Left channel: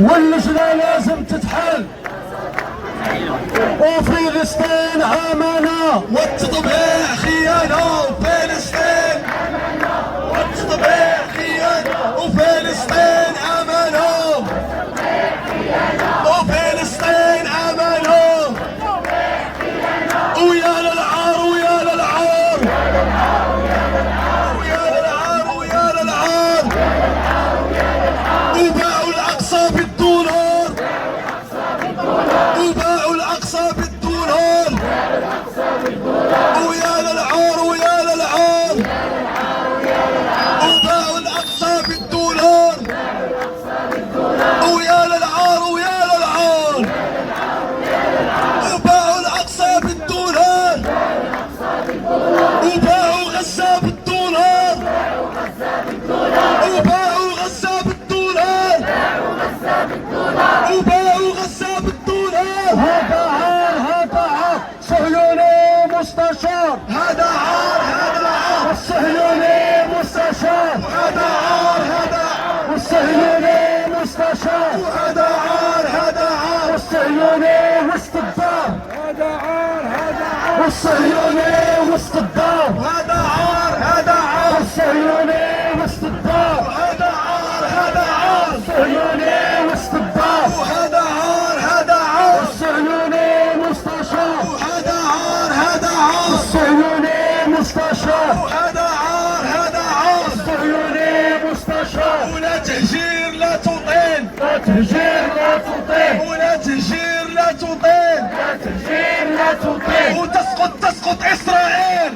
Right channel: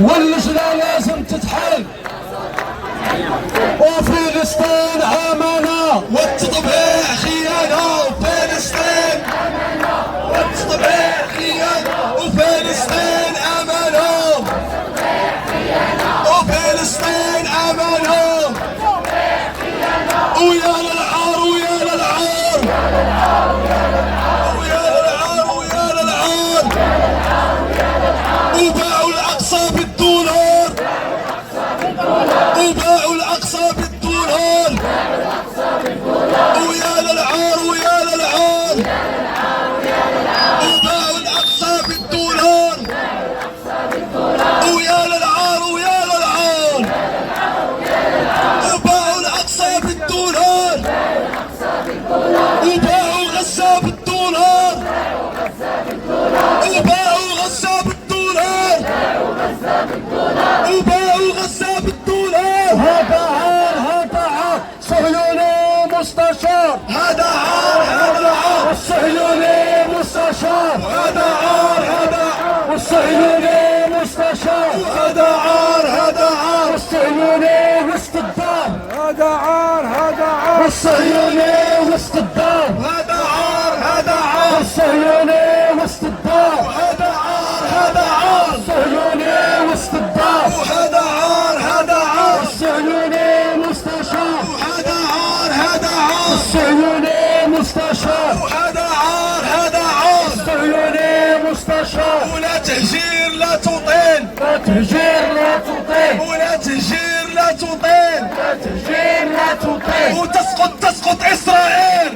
واللجنة لازم تتحل، وفلسطين أمانة والتطبيع خيانة، وفلسطين والتطبيع خيانة، وفلسطين أمانة، وفلسطين أمانة، ويا للعار ويا للعار ويا للعار ويا للعار، وباعوا الأقصى بالدولار، وباعوا الأقصى بالدولار، ويا للعار ويا للعار، وباعوا الأقصى بالدولار، ويا للعار ويا للعار، وباعوا الأقصى بالدولار، وباعوا غزة بالدولار، وباعوا غزة بالدولار، وباعوا غزة بالدولار. هذا عار، هذا عار صهيوني مستشار، هذا عار، هذا عار الصهيوني مستشار، هذا عار، هذا عار الصهيوني مستشار، هذا عار، هذا عار الصهيوني وسط الدار، هذا عار، هذا عار، والصهيوني وسط الدار، هذا عار، هذا عار الصهيوني وسط الدار، هذا عار، هذا عار الصهيوني وسط الدار، وهذا عار، هذا عار الصهيوني مستشار، وهذا عار، هذا عار الصهيوني مستشار، وهذا عار، هذا عار الصهيوني مستشار، ولا تهجير لا تطيل، لا تهجير لا تطيل، ولا تهجير لا تطيل، لا تهجير لا تطيل، وتسقط إسرائيل،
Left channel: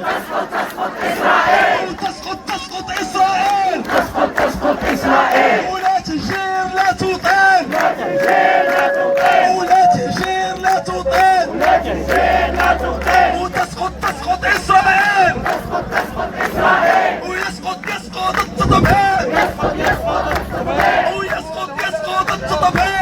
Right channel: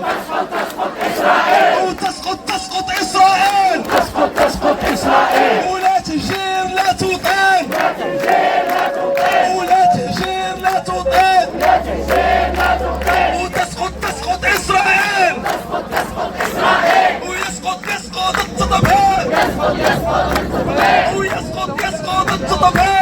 وتسقط إسرائيل، تسقط إسرائيل، ولا تهجير لا تطيل، لا تهجير لا تطيل، ولا تهجير لا تطيل، لا تهجير لا تطيل، وتسقط إسرائيل، إسرائيل، ويسقط التطبيع، يسقط التطبيع، ويسقط التطبيع.